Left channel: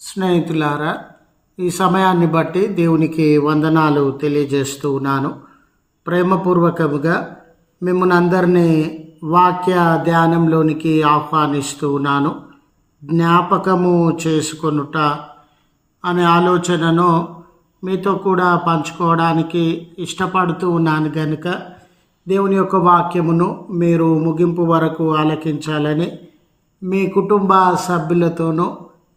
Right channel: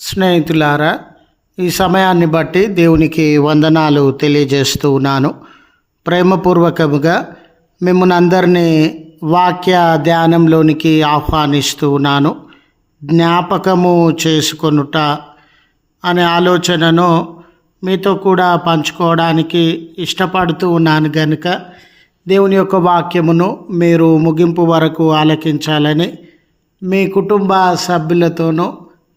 స్నేహితులారా ఈ సమయాన్ని బట్టి దేవునికి వందనాలు తెలియజేస్తూ ఉన్నాను. ప్రేమపూర్వకముగా మిమ్మల్ని అందరినీ వాక్య ధ్యానంలోనికి ఆహ్వానిస్తూ ఉన్నాను. జ్ఞాపకము చేసుకొనుట అనే ఆలోచనను మీతో కూడా పంచుకోవడానికి ఇష్టపడుతూ ఉన్నాను కనుక దేవుని యొక్క వాక్యమును మీరు ముగింపు వరకు ఆలకించాలని మీ కుటుంబ సభ్యులతోనూ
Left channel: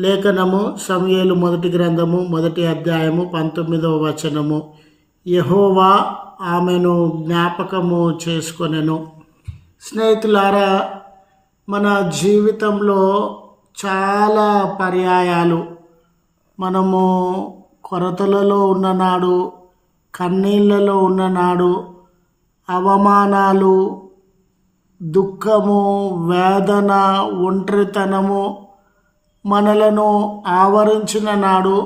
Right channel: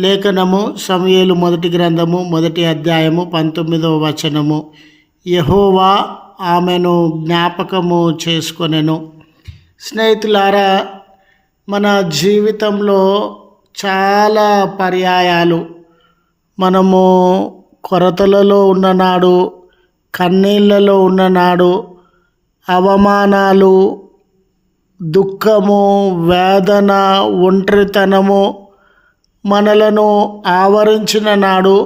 లేఖనము సమయలు మొదటి గ్రంథము మొదటి అధ్యాయము పంతొమ్మిదవ వచనము. యహోవా ఆమెను జ్ఞాపకము చేసుకొనెను. స్నేహితులారా మన జీవితంలో చాలా పర్యాయాలు. మనము కొరతలలో ఉన్ననాడు కన్నీళ్ళలో ఉన్ననాడు అవమానాలు దుఃఖము వేదన ఒంటరితనము మనలను ఆవరించిన నాడు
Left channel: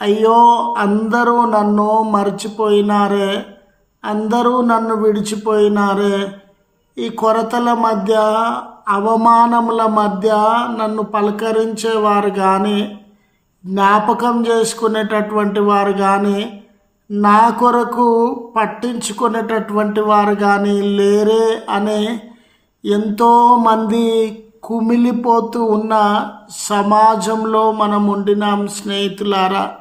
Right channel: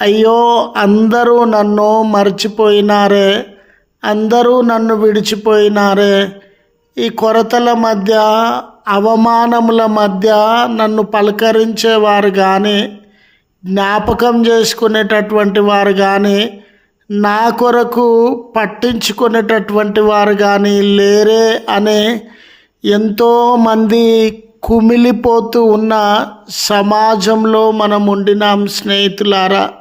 అయ్యో అందరూ నన్ను మర్చిపోయినారే అందరూ నన్ను విడిచిపోయినారే. ఈ కొరతల మధ్య అవమానముల మధ్య నన్ను పలకరించేవారు కానీ జ్ఞాపకం చేసుకునేటటువంటి వారు కానీ నా కొరకు పట్టించుకునేటటువంటి వారు కానీ లేరే అనే ఎంతోమంది కుమిలిపోతూ ఉన్న సమాజంలో మనం ఉండినాం స్నేహితులారా.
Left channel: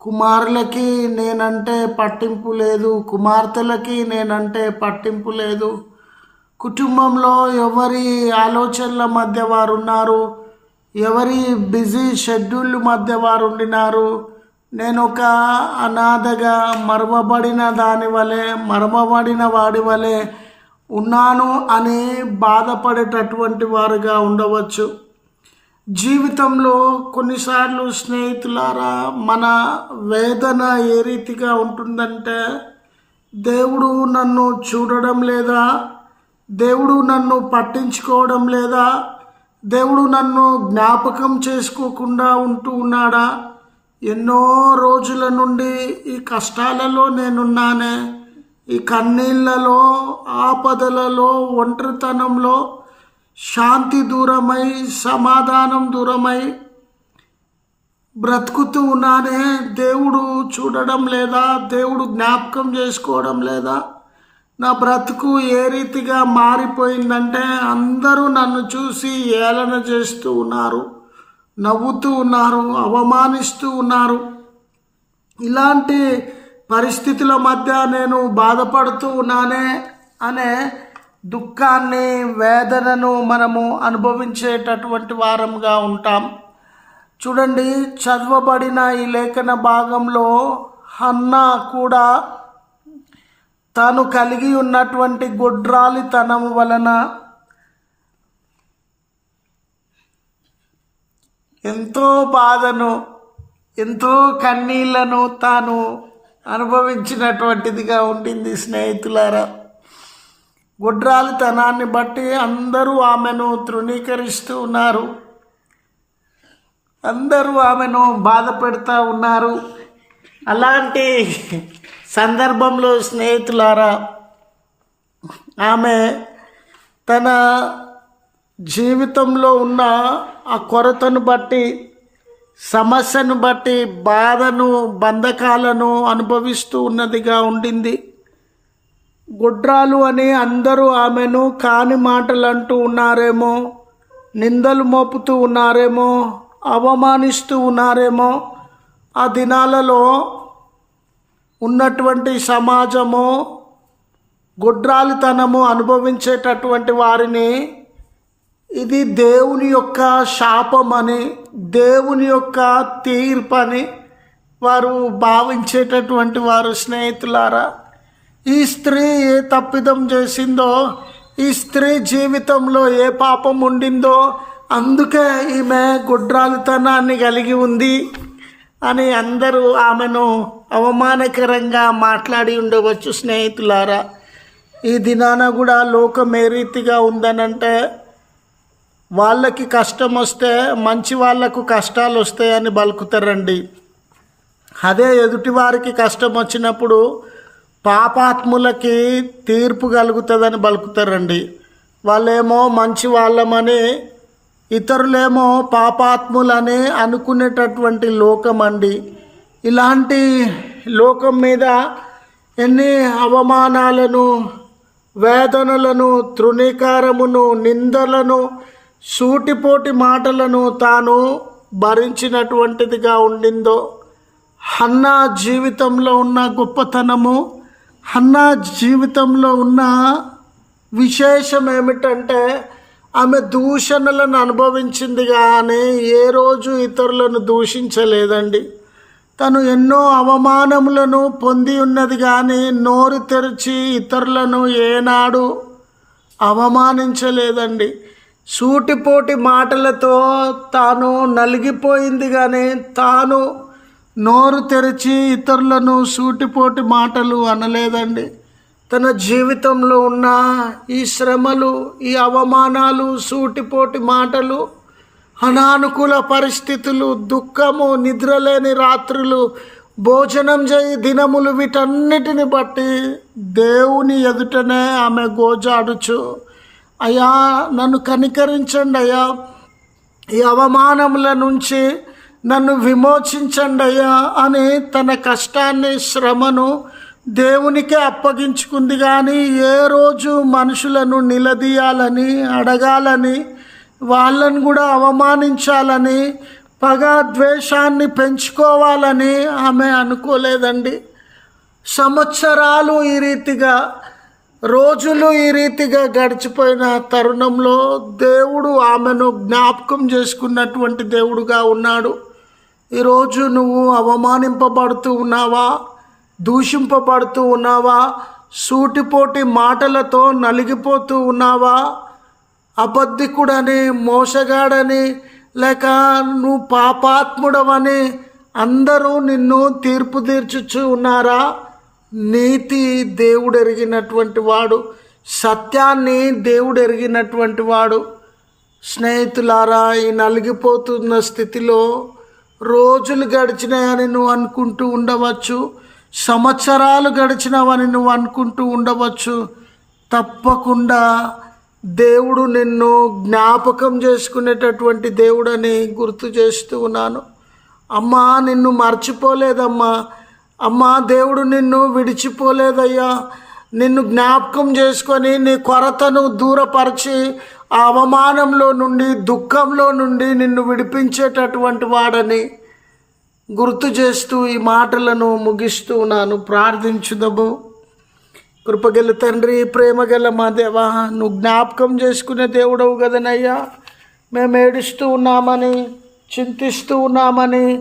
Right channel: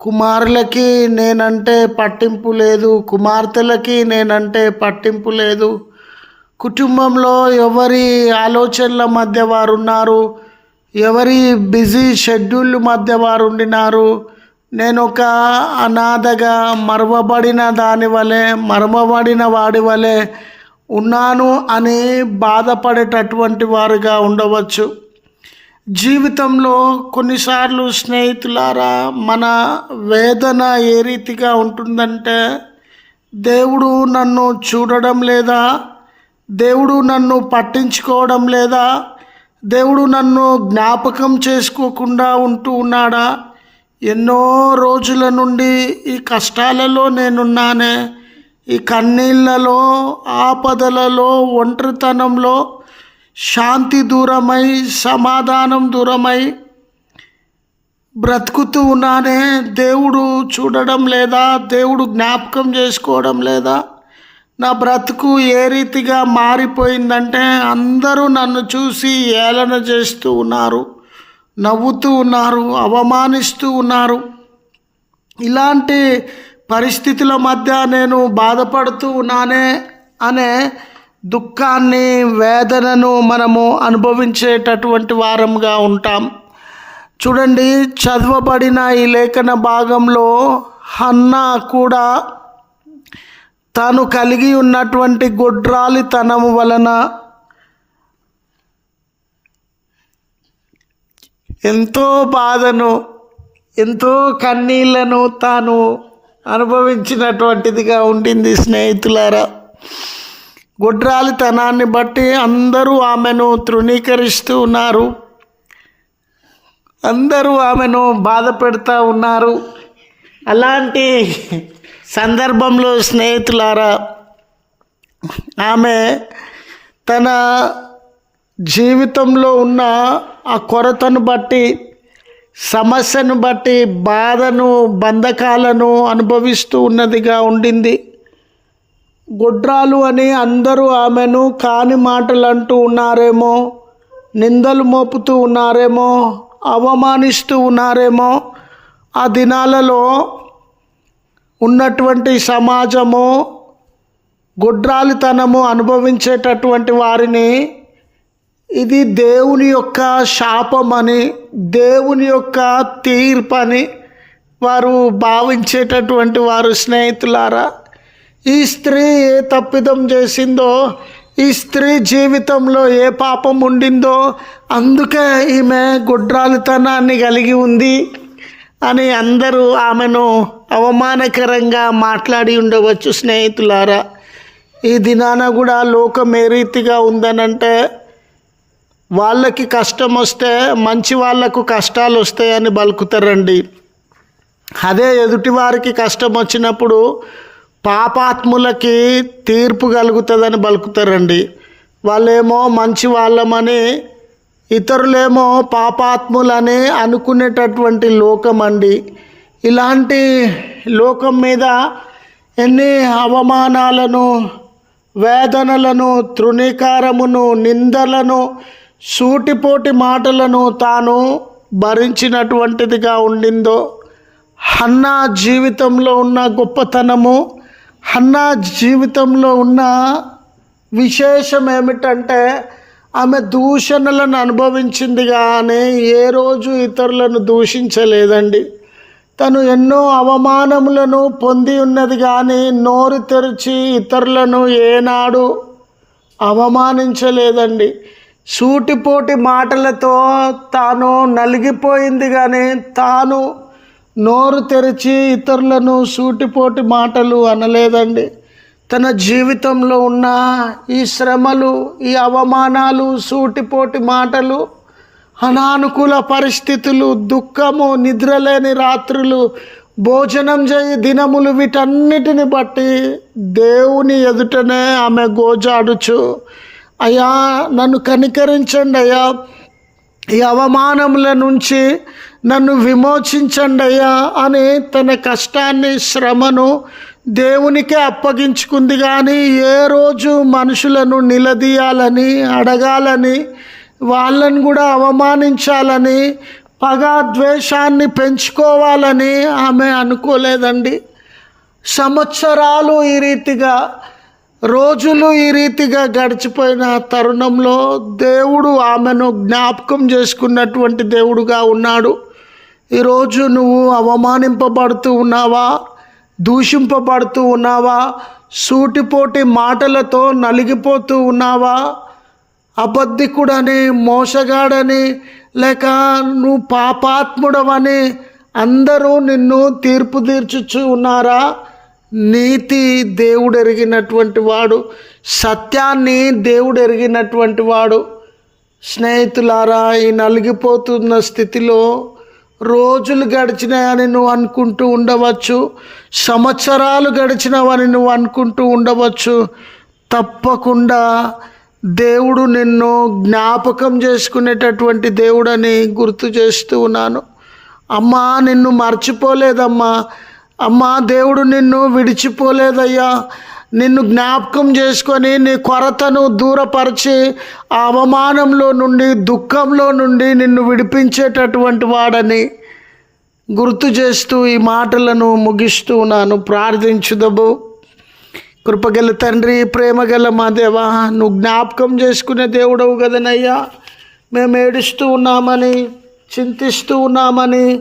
కుమారులకి నేనంటే పట్టింపు లేదు కుమార్తెలకి నేనంటే పట్టింపు లేదు. కుటుంబంలో ఎవరి ఆలోచనల మధ్య వారు ఉన్నారు ఎవరి బిజీ షెడ్యూల్ మధ్య వారు ఉండినారు నేను ఒక అనాథగా మరవబడిన దాని వలె మరమబడిన వాడి వలె ఉన్నాను అని బాధపడేటటువంటి వారుగా ఉండవచ్చు. జీవితంలో కొన్నిసార్లు స్నేహితులారా మన వేదన ఏ రీతిగా ఉంటుందంటే దేవుడు నన్ను చూడడం లేదా దేవుడు నన్ను పట్టించుకోవడం లేదా దేవుడు నన్ను జ్ఞాపకం చేసుకోకుండా ఉంటూ ఉన్నాడా? ఎన్నో రోజుల నుండి ఈ కష్టాలలో నేనున్నానే ఈ కన్నీళ్ళలో ఆపదలలో ఒంటరితనంలో శాంతి దూరమై సమాధానం దూరమై బ్రతుకుతూ ఉన్నానే. దేవుడు చూడడం లేదా దేవుడు జ్ఞాపకం చేసుకోవడం లేదా నా బ్రతుకు ఏ రీతిగా మారిపోయిందంటే అందరూ నన్ను చూసి ఏలన చేస్తూ ఉన్నారు నవ్వుతూ ఉన్నారు అవమానిస్తూ ఉన్నారు. ఇలాంటి పరిస్థితుల మధ్య నేను బాధపడుతూ ఉన్నానే అనే దుఃఖాన్ని వేదనను మనము అనుభవించేటటువంటి వారంగా ఉంటాం. చూడండి చదవబడిన ఈ లేఖన భాగంలో హన్నా కూడా తాను కలిగి ఉన్నటువంటి గొడ్రాలితనము వలన ఎంతో బాధను ఎంతో కన్నీళ్ళను తాను అనుభవించినటువంటిదిగా ఉంటుంది స్నేహితులారా. గుడ్రాలితనాన్ని బట్టి అందరూ ఆమెను తృణీకరిస్తూ ఉన్నారు. అందరూ ఆమెను బాధ పెడతా ఉన్నారు. అలాంటి సందర్భంలో స్నేహితులారా ఆమె తన జీవితంలో ఉన్న ఆ కొరతను బట్టి సమస్యను బట్టి బాధను బంధకాలను అనుభవిస్తూ ఉన్నదిగా ఉండింది. గుడ్రాలు అని అందరూ ఆమెను కాని మాటలు అంటూ ఉన్నారేమో నిందలు మోపుతూ ఉన్నారేమో అవమానిస్తూ ఉన్నారేమో ఆ దినాలలో ఉన్నటువంటి సమాజము గుడ్రాలితనము అనుభవించేటటువంటి వారిని ఇది దేవుని యొక్క శాపమని దేవుని యొక్క తీర్పని వారు భావించేటటువంటి వారు స్నేహితులారా ఈ స్త్రీ ఏ తప్పిదం చేసిందో ఈ స్త్రీ జీవితంలో ఏ పాపం ఉండిందో అందుకే ఈమె గుడ్రాలుతనాన్ని కలిగి ఉంది అని అందరూ ఆమెను అవమానకరంగా మాట్లాడి ఉండవచ్చు స్నేహితులారా. ఈ దినాన కూడా లోకం ఏ రీతిగా ఉందనంటే వాళ్ళకి కష్టం వస్తే మంచి వాళ్ళకు కష్టాలు వస్తాయని బలుకుతారండి. అదే ఎదుటివారికి కష్టం వచ్చినప్పుడు పాపాత్ములకి తీర్పు కలుగుతుందని బలుకుతారండి. వాళ్ళేమో మంచి వాళ్ళమని ఇతరులేమో పాపాత్ములని అనుకునేటటువంటి లోకం అండి ఇలాంటి లోకం మీద ఎన్ని అవమానాలను వేదనలను తృణీకారమును నిందలను సూటిపోటి మాటలను తాను భరించినటువంటిదిగా ఉండిందో హన్నా జీవితంలో ఉన్న గొప్పతనము హన్నా జీవితంలో ఉన్న విశేషం ఏమిటంటే ఆమె దూషణలను అనుభవించింది కానీ ఏ రోజు ఇతరులను దూషించలేదండి. తను ఎన్నో అవమానములను పొంది ఉన్నది కానీ నోరు తెరిచి ఇతరులను ఏనాడు అవమానించలేదండి. సూటిపోటి మాటలతో తాను నలిగిపోయింది కానీ తాను నోరు తెరిచి ఇతరులను సూటిపోటి మాటలు అనలేదండి. తన జీవితంలో ఉన్న ఈ శ్రమలు ఈ అవమానాలు సూటిపోటి మాటలు అనానుకూల పరిస్థితులు దుఃఖము నిద్రలేని రాత్రులు భోజనం చేయి దినములు వీటన్నిటిని బట్టి దేవుని ఎదుటనే ఆమె గోజాడుచు అయ్యా నన్ను కనికరించండి అయ్యా. ఈ అవమానముల నుంచి నన్ను విమోచించండి అయ్యా అని తన కష్టాన్ని శ్రమను దేవునికే అప్పగించుకుంది. కానీ ఏ రోజు మనుషులను నిలదీయాలని అడగాలని వాళ్ళను కూడా అవమానించాలని పగ ద్వేషాన్ని పెంచుకోవాలని ఆమె అనుకోలేదండి. సంవత్సరాలు ఈ రీతిగా రోజులు ఈ రీతిగా గడిచిపోయిన తరుణంలో దేవుడు ఆమెను జ్ఞాపకం చేసుకున్నటువంటి దేవుడుగా ఉన్నాడు. ఈరోజు నువ్వు అవమానింపబడుతూ ఉన్నావా? దూషింపబడుతూ ఉన్నావా? సూటిపోటి మాటలతో నలిగిపోతూ ఉన్నావా? అబద్ధికుడని మోసగాడని లేక నువ్వు పాపాత్ముడవని అందరూ నిన్ను తీర్పు తీర్చుచు ఉన్నారా? నీతి దేవుడు ఎరిగినటువంటి వాడు సత్యాన్ని దేవుడు ఎరిగినటువంటి వాడు స్నేహితులారా ఈ నలిగిపోతున్న స్థితిలో రోజులు గడిచినాయని నువ్వు అనుకుంటూ ఉండవచ్చు సంవత్సరాలు గడిచినవని నువ్వు అనుకుంటూ ఉండవచ్చు. తప్పకుండా దేవుడు నిన్ను జ్ఞాపకం చేసుకునేటటువంటి దేవుడని గుర్తు చేస్తూ ఉన్నాను. అమ్మా నిన్ను మర్చిపోలేదమ్మా. అమ్మా దేవుడు నిన్ను విడిచిపోలేదయ్యా. నిన్ను జ్ఞాపకం చేసుకొని నీ కొరతను దూరపరిచి ఆ అవమానంలో నుండి దుఃఖంలో నుండి నిన్ను విడిపించేటటువంటి వాడని గుర్తు చేస్తూ ఈ మాటలను ముగిస్తూ ఉన్నాను ప్రార్థించుదము. కృపగల తండ్రి ప్రేమగల మా దేవా నువ్వు జ్ఞాపకం చేసుకునే దేవుడవు కదనయ్యా. మేము ఏడుస్తూ ఉన్నామని చింతిస్తూ ఉన్నామని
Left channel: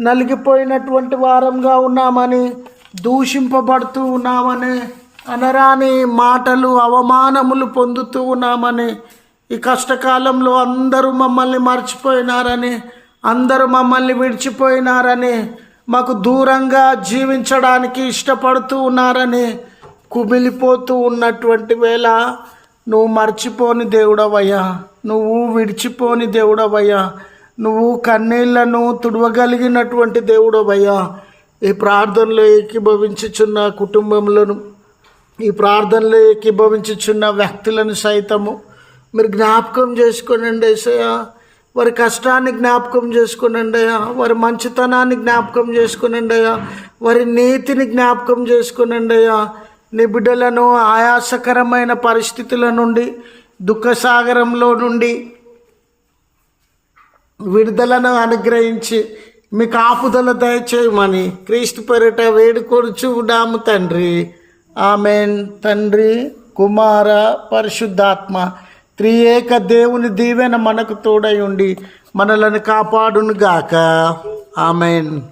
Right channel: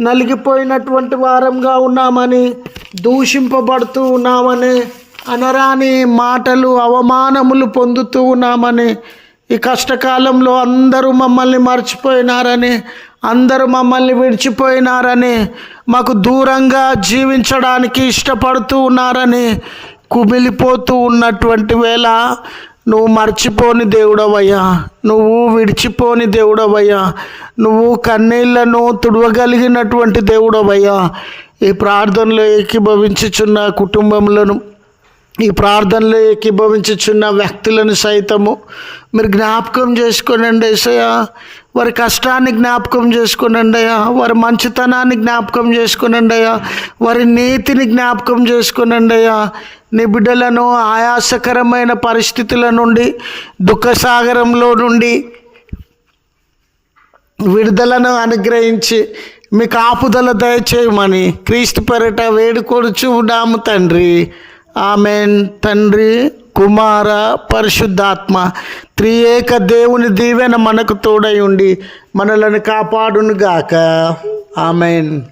నలిగిపోయినటువంటి వారంగా ఉన్నామని దూషింపబడుతూ ఉన్నామని అనరాని మాటలు అవమానములు పొందుతూ ఉన్నామని ఈ కష్టకాలంలో అందరూ మమ్మల్ని మర్చిపోయినారని అందరూ మమ్మల్ని విడిచిపోయినారని మాకు దూరంగా జీవించడానికి ఇష్టపడుతూ ఉన్నారని కుమిలిపోతూ ఉన్నటువంటి వేళ నువ్వు మర్చిపోని దేవుడవయ్యా. నువ్వు విడిచిపోని దేవుడవయ్యా. నువ్వు కన్నీళ్ళను తుడవగలిగినటువంటి దేవుడవయ్యా ఈ ప్రార్థనలో ఏకీభవించుచున్న కుటుంబములను ఈ ప్రార్థనలో ఏకీభవించుచున్న వ్యక్తులను సైతము మీరు జ్ఞాపకం చేసుకోనండి ఏసయ్య. వారి కష్టాన్ని జ్ఞాపకం చేసుకోనండి అయ్యా. వారి మంచితనాన్ని జ్ఞాపకం చేసుకోనండి అయ్యా. వారి నీతిని జ్ఞాపకం చేసుకోనండి అయ్యా. నీ బిడ్డలను ఆయాసకరమైన పరిస్థితుల నుండి దుఃఖసాగరంలో నుండి విడుదలను అనుగ్రహించి మీకు ఆపుదల దయచేయమని క్రీస్తు పెరట వేడుకొడుచు ఉన్నాము తండ్రి. ఆమెన్. తండ్రి కుమార పరిశుద్ధాత్మ త్రియేక దేవుని దీవెన మనకు తోడై ఉండి మనలను కాపాడును గాక ఆమెన్.